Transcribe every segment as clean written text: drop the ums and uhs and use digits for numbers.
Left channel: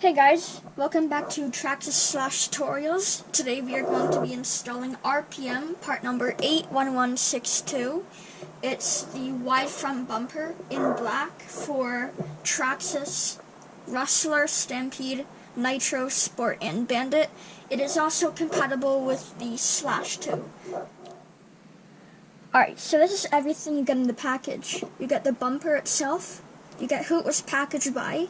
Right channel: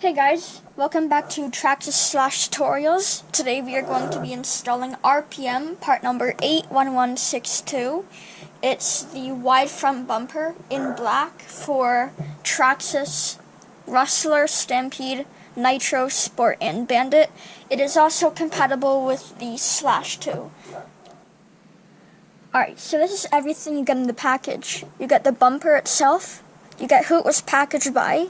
Hey guys, welcome back to Traxxas Slash Tutorials. Today we are going to be installing RPM part number 81162. It's the wide front bumper in black for Traxxas Rustler, Stampede, Nitro, Sport, and Bandit. It is also compatible with the Slash 2. Alright, so this is everything you get in the package. You get the bumper itself, you get who it was packaged by,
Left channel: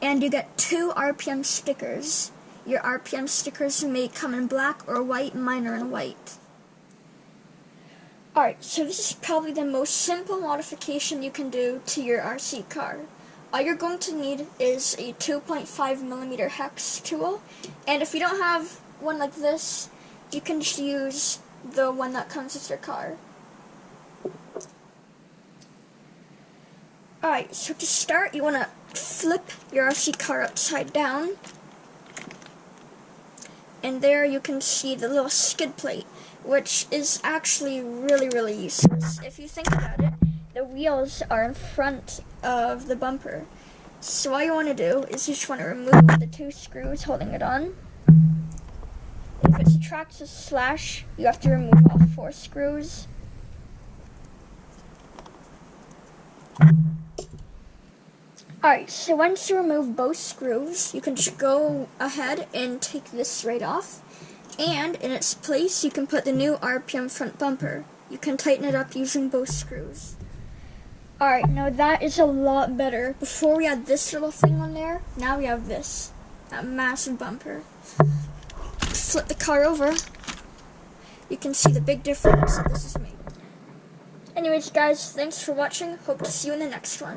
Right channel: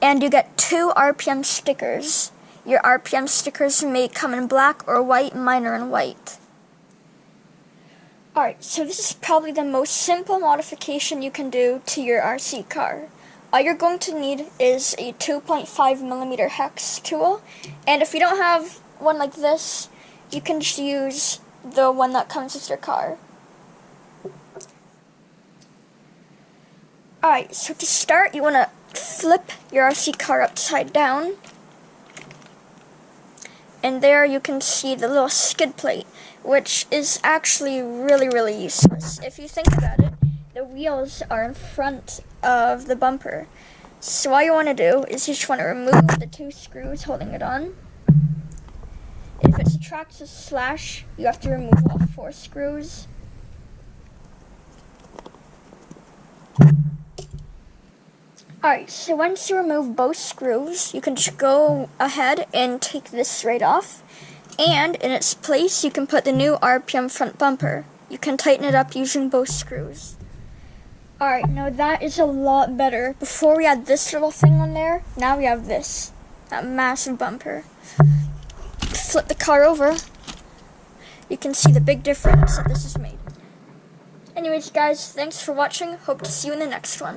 and you get 2 RPM stickers. Your RPM stickers may come in black or white, mine are in white. Alright, so this is probably the most simple modification you can do to your RC car. All you're going to need is a 2.5mm hex tool, and if you don't have one like this, you can just use the one that comes with your car. Alright, so to start, you want to flip your RC car upside down, and there you can see the little skid plate, which is actually really useless. If you think about it, the wheels are in front of the bumper. So all you want to do is you just want to remove the 2 screws holding it on. If it's a Traxxas Slash, you have to remove all 4 screws. Alright, so once you remove both screws, you can just go ahead and take this right off. And in its place, you can put the new RPM front bumper. You can tighten it up using both screws. Alright, now that is a lot better. Before we had this little thing on there, now we have this. That massive bumper. Flip the car over. You can see the big difference that this has made. Anyways guys, thanks for watching. Hope to see you in the next one.